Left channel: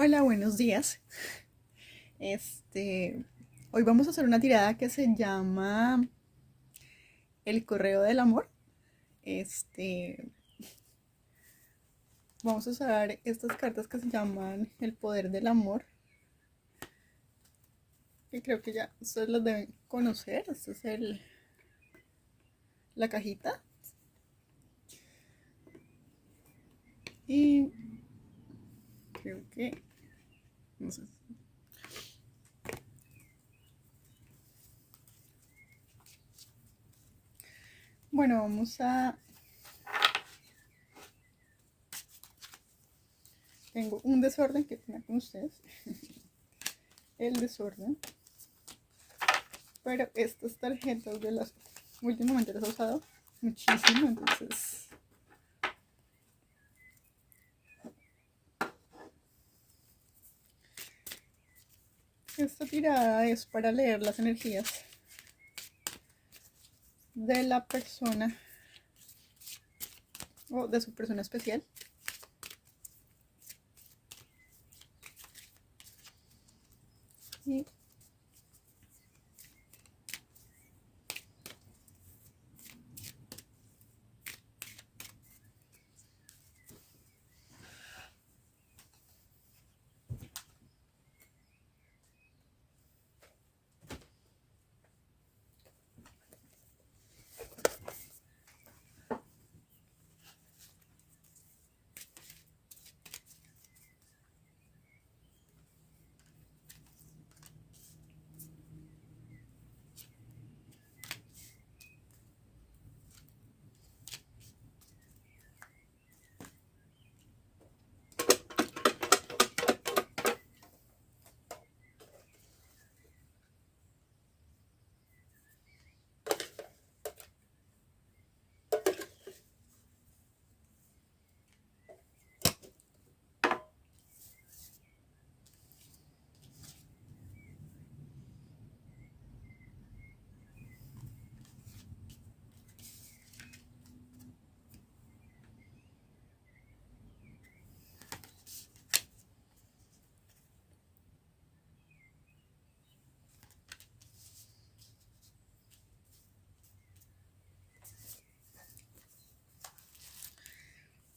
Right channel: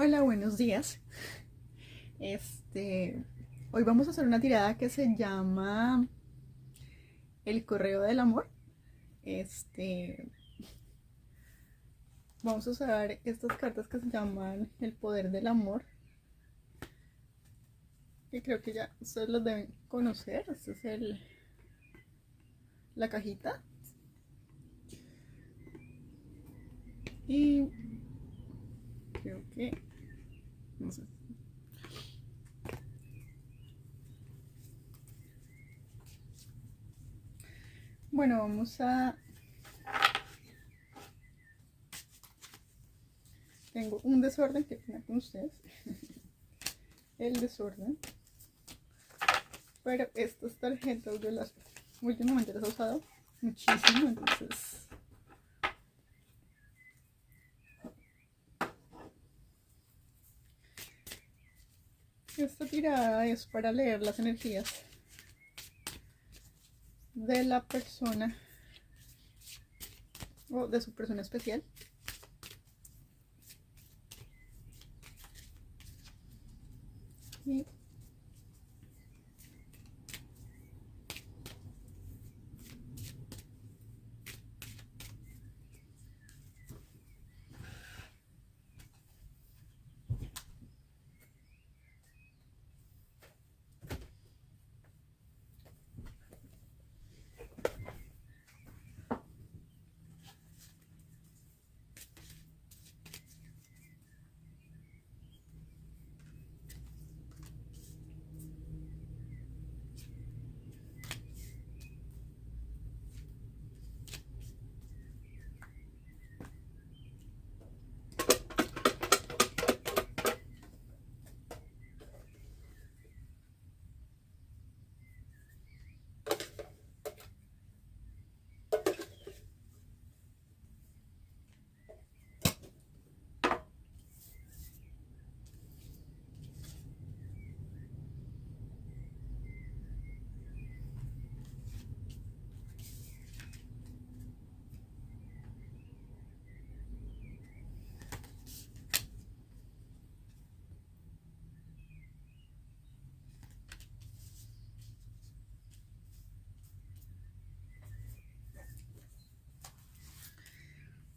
Hola, buenos días. Este, Hoy vamos a hacer una tirada que se llama El correo del amor. Este, Vamos a usar estas cartas que se llaman El poder del amor, que creo que ya ustedes las deben conocer. Esta es la cajita. Y creo que, no sé. Bueno, tengo un desorden que tenía con ustedes. El desorden. Pero estas tarjetas últimamente las he usado muchísimo, entonces esta tirada es para leer las energías de la persona o de su persona especial. Y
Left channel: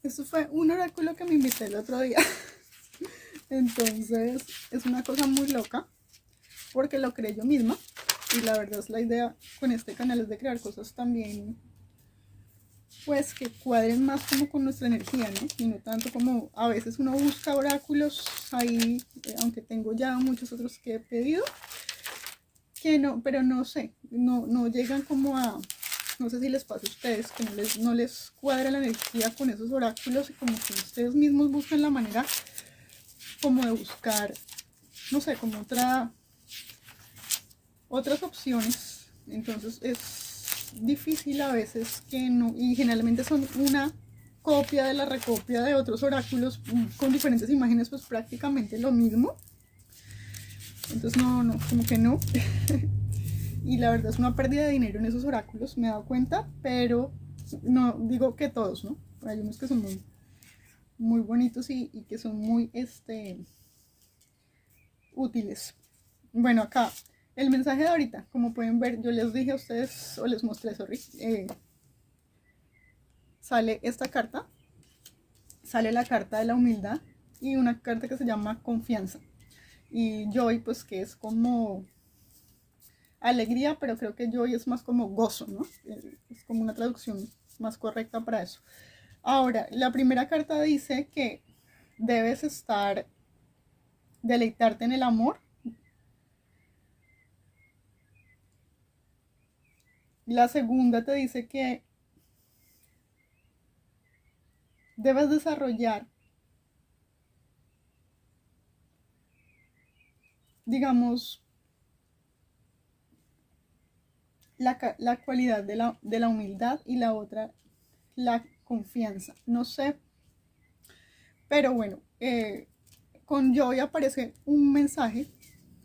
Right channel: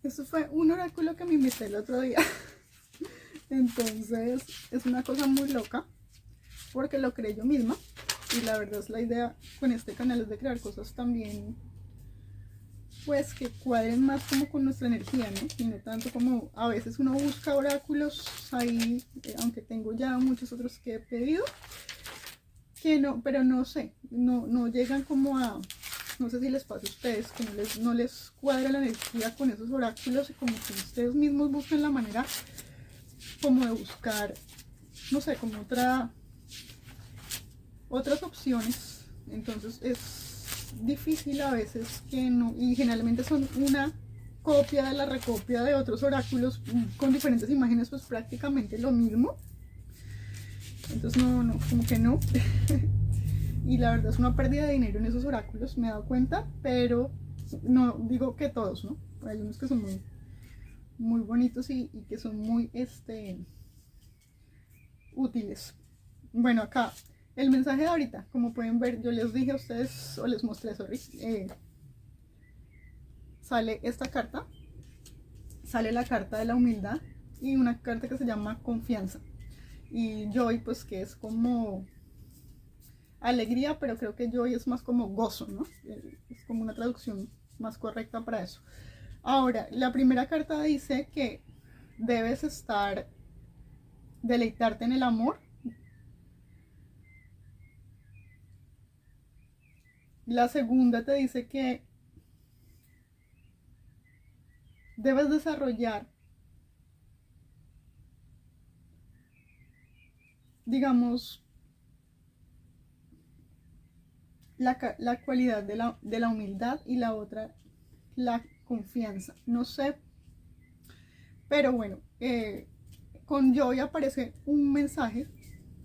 esto fue un oráculo que me invité el otro día. Entonces es una cosa muy loca porque lo creé yo misma. Y la verdad es la idea con este canal es de crear cosas también pues que cuadren más como con nuestra energía, ¿no? Y no tanto como a veces uno busca oráculos ahí, aunque tengo ya muchos otros que he pedido, que no, pero no sé, no llegan como a, no sé si les pasa a ustedes, que no les cuadra la energía con esos oráculos y como que ustedes mismos buscan la manera como de buscar, no sé, como otras opciones. Entonces es difícil a veces que no, y generalmente son una copia de la recopia de otros oráculos con diferentes imágenes, pues prácticamente lo mismo. Entonces no, como que no. Y la verdad es una pérdida de dinero en esos oráculos, me he dado cuenta, pero no digo que todos, ¿no? Hay unos que son muy bonitos y que son muy útiles. Bueno, acá el mensaje de ahorita, como pueden ver, yo les dije a ustedes, o les mostré, sorry, sale esta carta, sale la carta de la humildad y una carta que se llama confianza. Y joy, pues que es como alegría, pero creo que joy es más como gozo, ¿no? Es como una traducción más correcta para eso. Ahora, la primera carta dice que debes deleitarte en el amor. La segunda te dice que debes desarrollar, digamos, la cualidad de la humildad, y la otra, la confianza. No sé, pero bueno, con Joy aparece un mensaje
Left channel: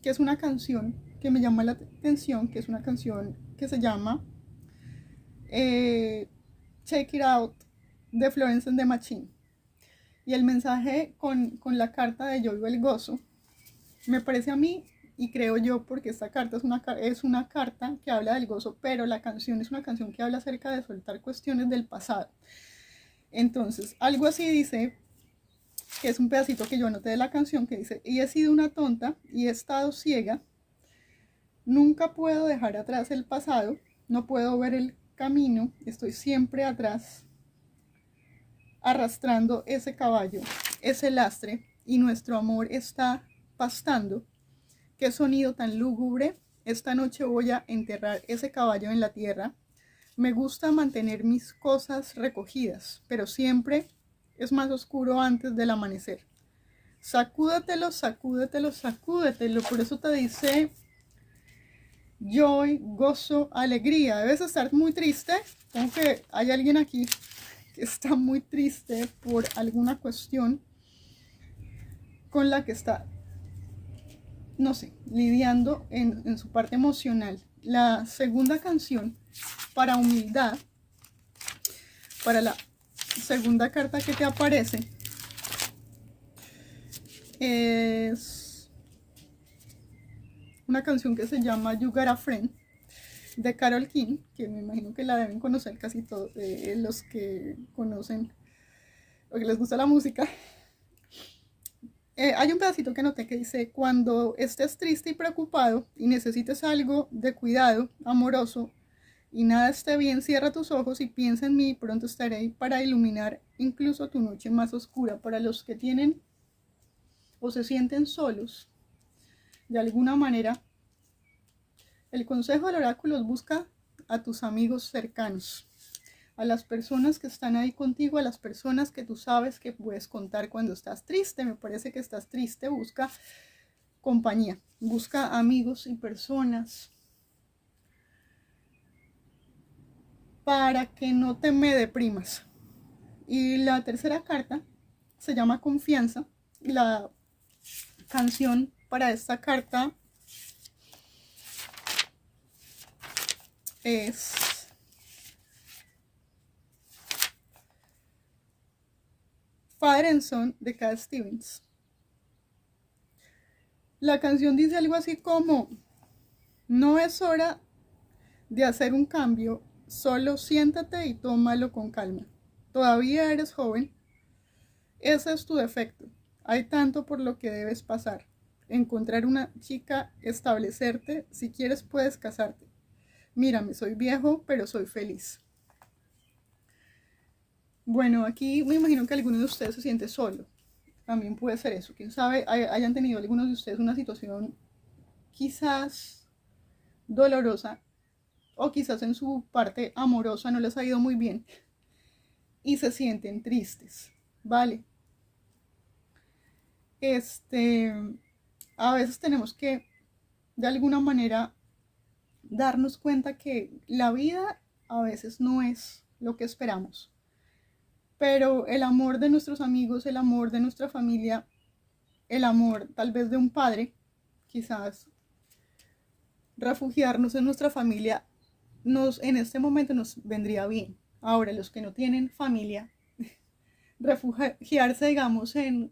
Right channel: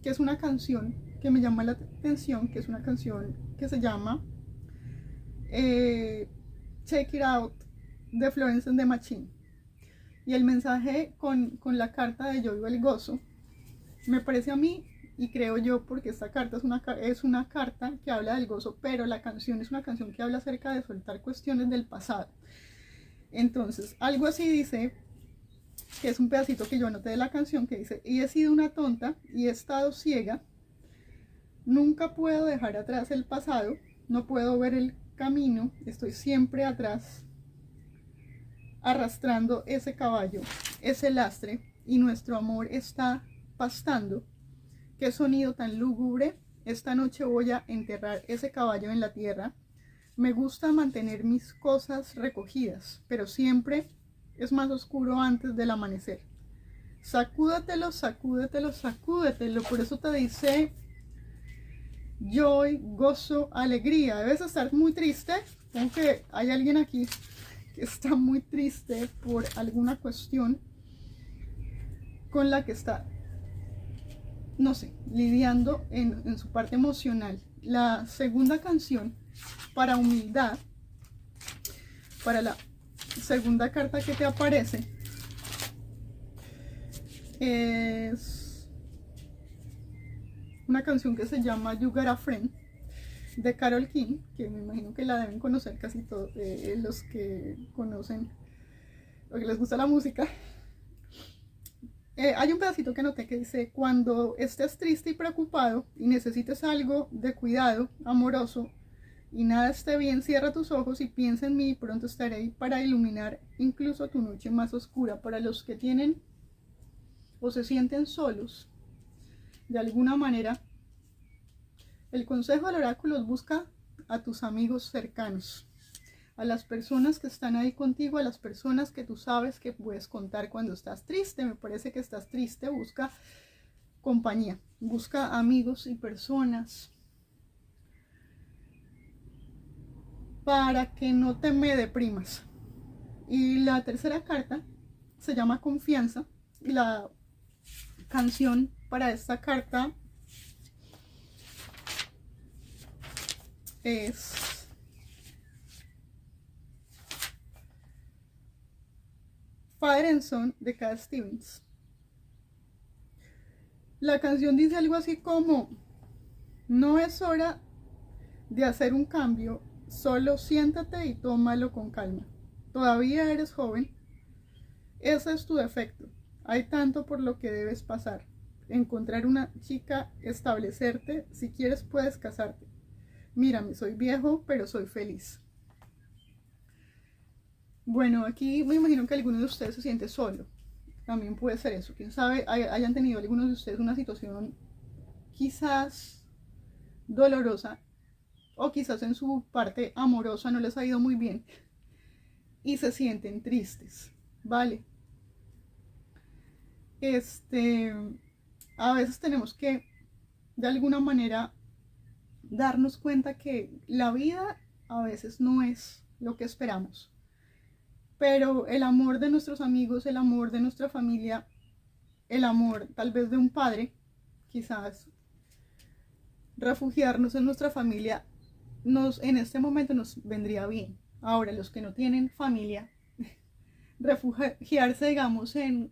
que es una canción que me llama la atención, que es una canción que se llama Check It Out de Florence and the Machine. Y el mensaje con la carta de Yo vivo el gozo, me parece a mí, y creo yo, porque esta carta es una carta que habla del gozo, pero la canción es una canción que habla acerca de soltar cuestiones del pasado. Entonces, algo así dice, que es un pedacito que yo anoté de la canción, que dice: y he sido una tonta y he estado ciega, nunca puedo dejar atrás el pasado, no puedo ver el camino, estoy siempre atrás, arrastrando ese caballo, ese lastre, y nuestro amor está pastando. Qué sonido tan lúgubre, esta noche voy a enterrar ese caballo en la tierra. Me gusta mantener mis cosas recogidas, pero siempre es más oscuro antes del amanecer. Sacúdetelo, sacúdetelo, sacúdetelo. Por eso te dice joy, gozo, alegría. Debes estar muy triste, aunque hay alguien aquí que está muy triste por alguna cuestión con la que está, no sé, lidiando en su parte emocional. La segunda canción, para humildad, para la segunda carta que te aparece, es una canción que se llama You Got a Friend, de Carole King, que me imagino que la deben conocer casi todos los que conocen o que les gusta la música. Hay un pedacito que noté que dice: cuando estés triste y preocupado y necesites algo de cuidado amoroso y nada esté bien, cierra tus ojos y piensa en mí, pronto estaré ahí para iluminar incluso tu noche más oscura. Para los que tienen o se sienten solos, de alguna manera, el consejo del oráculo es: busca a tus amigos cercanos, a las personas que están ahí contigo, a las personas que tú sabes que puedes contar cuando estás triste. Me parece que estás triste, busca compañía, busca amigos y personas para que no te me deprimas. Y la tercera carta se llama Confianza. La canción para esta carta es Father and Son de Cat Stevens. La canción dice algo así como: no es hora de hacer un cambio, solo siéntate y tómalo con calma. Todavía eres joven, ese es tu defecto. Hay tanto por lo que debes pasar. Encontrar una chica, establecerte, si quieres puedes casarte. Mírame, soy viejo, pero soy feliz. Bueno, aquí me imagino que alguno de ustedes se siente solo. También puede ser eso. Quién sabe, hayan tenido algunos de ustedes una situación quizás dolorosa, o quizás en su parte amorosa no les ha ido muy bien y se sienten tristes, ¿vale? A veces tenemos que, de alguna manera, darnos cuenta que la vida a veces no es lo que esperamos, pero el amor de nuestros amigos, el amor de nuestra familia, el amor tal vez de un padre, quizás refugiarnos en nuestra familia en este momento nos vendría bien. Ahora, los que no tienen familia, refugiarse, digamos, en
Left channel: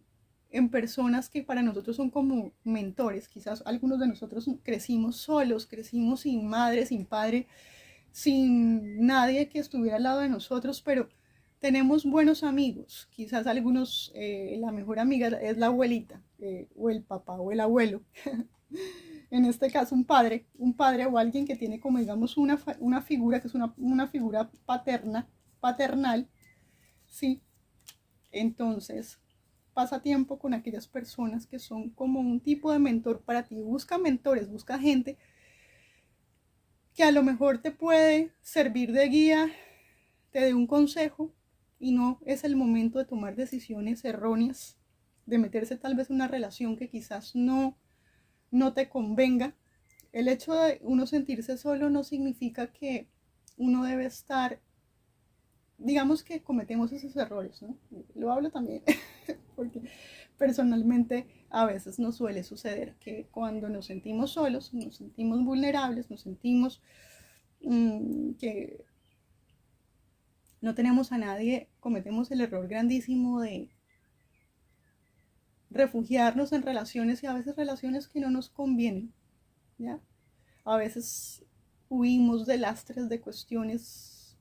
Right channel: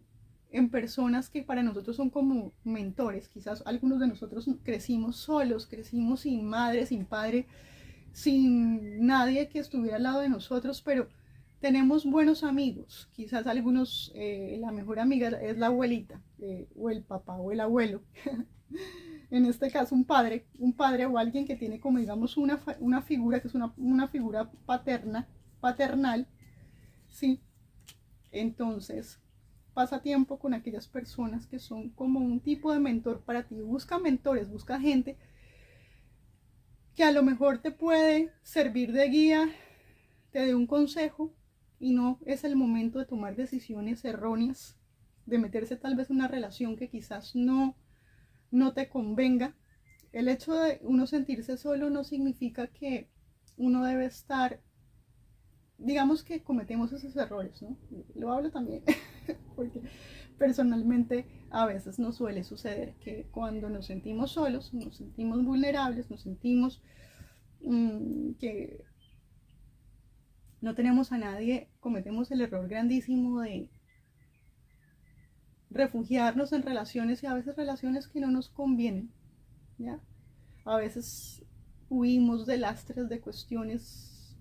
personas que para nosotros son como mentores. Quizás algunos de nosotros crecimos solos, crecimos sin madre, sin padre, sin nadie que estuviera al lado de nosotros, pero tenemos buenos amigos. Quizás algunos, la mejor amiga es la abuelita, o el papá o el abuelo. En este caso un padre o alguien que tiene como, digamos, una figura que es una figura paternal, ¿sí? Entonces, pasa tiempo con aquellas personas que son como un tipo de mentor para ti. Busca mentores, busca gente que a lo mejor te puede servir de guía, te dé un consejo, y no es el momento de tomar decisiones erróneas, de meterse tal vez en una relación que quizás no te convenga. El hecho de uno sentirse solo no significa que uno debe estar, digamos que cometemos esos errores, ¿no? Lo hablo también porque personalmente a veces nos suele suceder que cuando nos sentimos solos, nos sentimos vulnerables, nos sentimos que no tenemos a nadie, cometemos el error grandísimo de refugiarnos en relaciones y a veces relaciones que no nos convienen, ¿ya? A veces huimos de lastres, de cuestiones,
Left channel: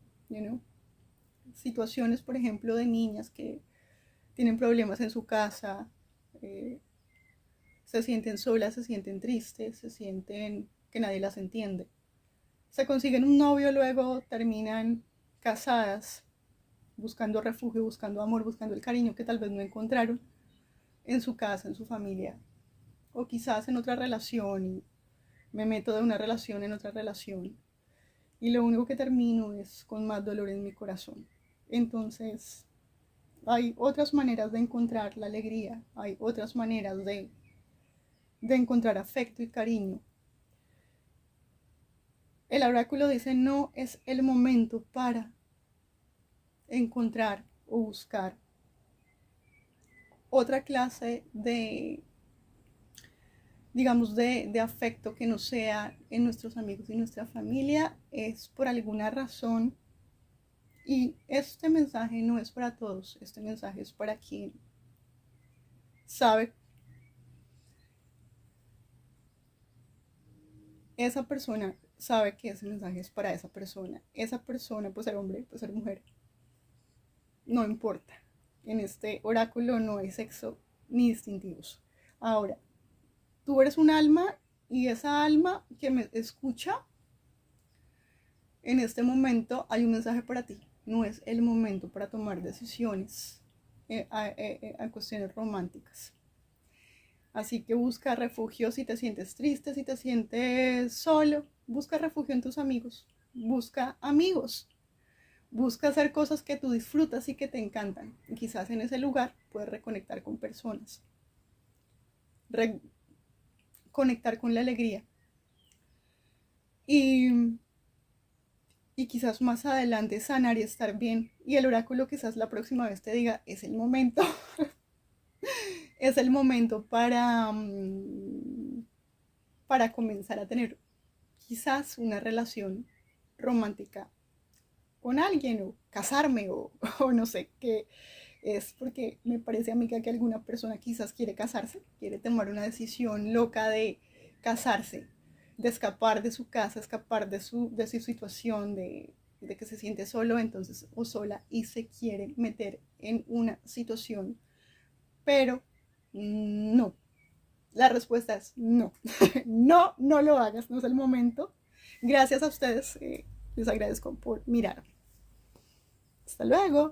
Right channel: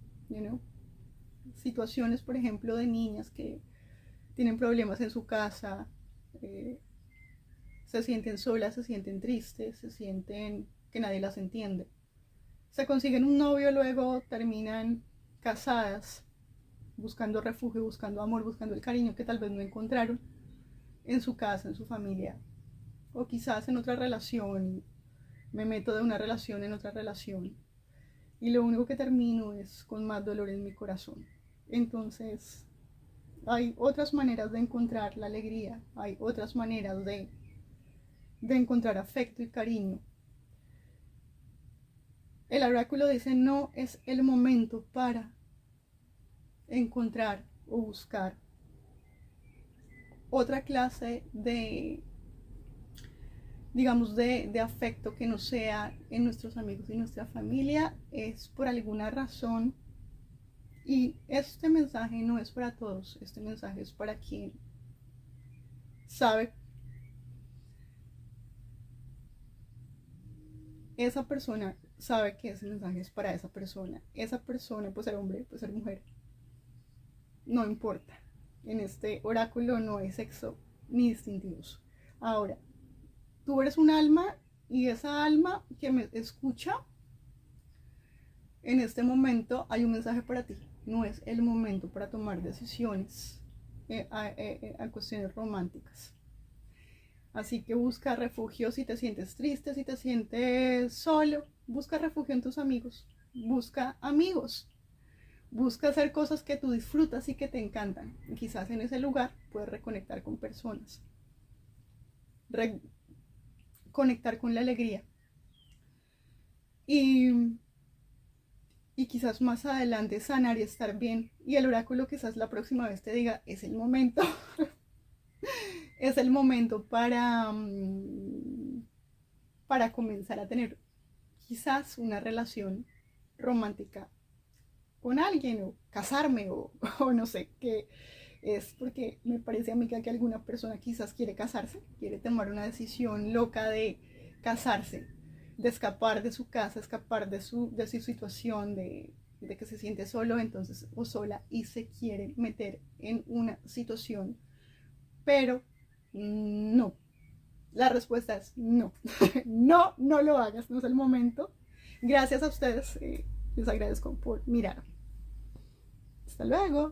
situaciones, por ejemplo, de niñas que tienen problemas en su casa, se sienten solas, se sienten tristes, se sienten que nadie las entiende. Se consiguen un novio, luego terminan casadas, buscando refugio, buscando amor, buscando el cariño que tal vez no encontraron en su casa, en su familia, o quizás en otra relación. Me meto de una relación en otra relación y lo único que termino es con más dolor en mi corazón. Entonces, hay otras maneras de encontrar la alegría, hay otras maneras de encontrar afecto y cariño. El oráculo dice: no es el momento para encontrar o buscar otra clase de, digamos, de afecto que no sea en nuestros amigos y nuestra familia. Es por alguna razón, y este mensaje no es para todos, este mensaje es para quien sabe, esa persona sabe que ese mensaje es para esa persona puede ser hombre, puede ser mujer, no importa. En este oráculo no hay sexo ni distintivos. Ahora, tú eres un alma y esa alma que me escucha, en este momento hay un mensaje para ti. No es el momento para tomar decisiones a cuestiones románticas. Así que busca refugio si te sientes triste, si te sientes solo. Busca refugio en tus amigos. Busca amigos. Busca hacer cosas que tú disfrutas y que te encantan. Y quizás en ese lugar puedes reconectar con personas. Conectar con la alegría. Y quizás más adelante sanar y estar bien. Y el oráculo quizás la próxima vez te diga: es el momento. Es el momento para comenzar a tener quizás una relación romántica con alguien, o casarme, o no sé qué. Es porque me parece a mí que alguna persona quizás quiere casarse, quiere tomar una decisión loca de casarse, de escapar de su casa, escapar de su situación, de que se siente solo, entonces, o sola, y se quiere meter en una situación. Pero no, la respuesta es no. No, no lo hagas, no es el momento. Gracias a ustedes, les agradezco por mirar. Hasta luego.